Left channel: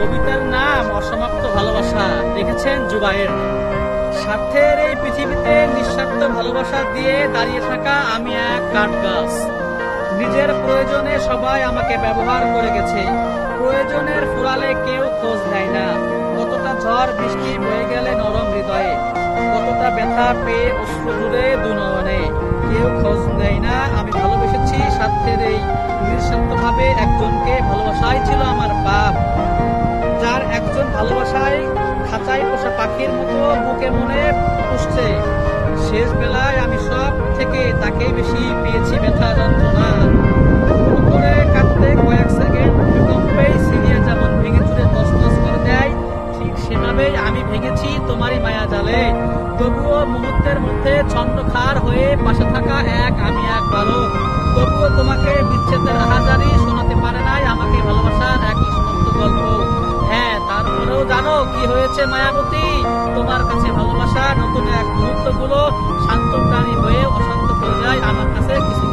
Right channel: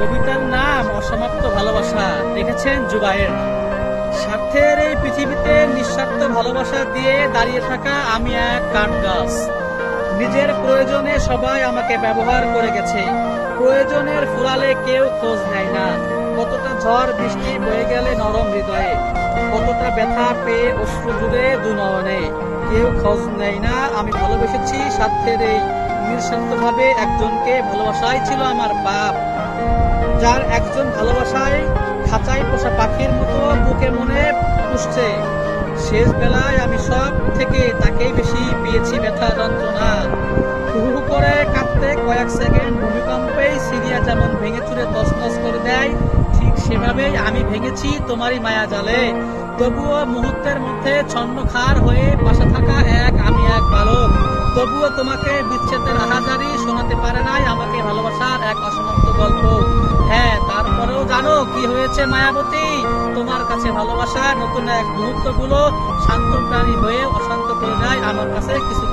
কবিতার নাম অসমাপ্ত ভালোবাসা। দেখেছেন জুবায়ের। স্বার্থের এই পৃথিবীতে নিঃস্বার্থ ভালোবাসা দিয়ে দাঁড়িয়ে থাকা আমি এক কাঠ গাছ। নিজের প্রয়োজনে সবাই আমাকে ব্যবহার করে গেছে, প্রয়োজনের ফুরালে কেউ খোঁজ নেয় না। কতটা ঝড় বৃষ্টি বয়ে গেলে নরম হৃদয়ে, কতটা ব্যথা পেয়ে অশ্রু জুড়ে দু নয়নে, কেউ খোঁজ নেয় না। আমি ভালোবেসেছি স্বার্থের এই নিঃস্বার্থভাবে একজনকে। ভালোবাসাই ছিল আমার পাপ, যার একজন ভালোবাসায় খাঁচায় পোষা পাখির মতো বুকে মনে পুষছে। শেষ বেলায় আমি সব থেকে তাকেই বেশি পেয়েছি ব্যথা যন্ত্রণা। হুড় করে কাঁদতে কয়েক সেকেন্ড ভূমিকম্পেই সিরিয়া যেমন ভেঙে চুরে তছনছ করে দেয়, ঠিক সেভাবেই আমি ভেঙেছি তোমারই মায়া জালে। তবুও মুহূর্তের মধ্যে ছন্নখার হয়ে পাশে থাকা আমি এক বালক। তবুও তোমাকে বিচ্ছেদের হাজারি শোনাতে পারে নাই আমাকে ভালোবাসার এক অসমাপ্ত গল্প। হ্যাঁ, তারপরেও জানো কি হয়েছে মায়াবতী? তোমার কাছে ভালোবাসার নতুন এক মুহূর্তগুলো শান্ত প্রাণী হয়ে অশান্ত করে দেয় আমার কাছে কিছু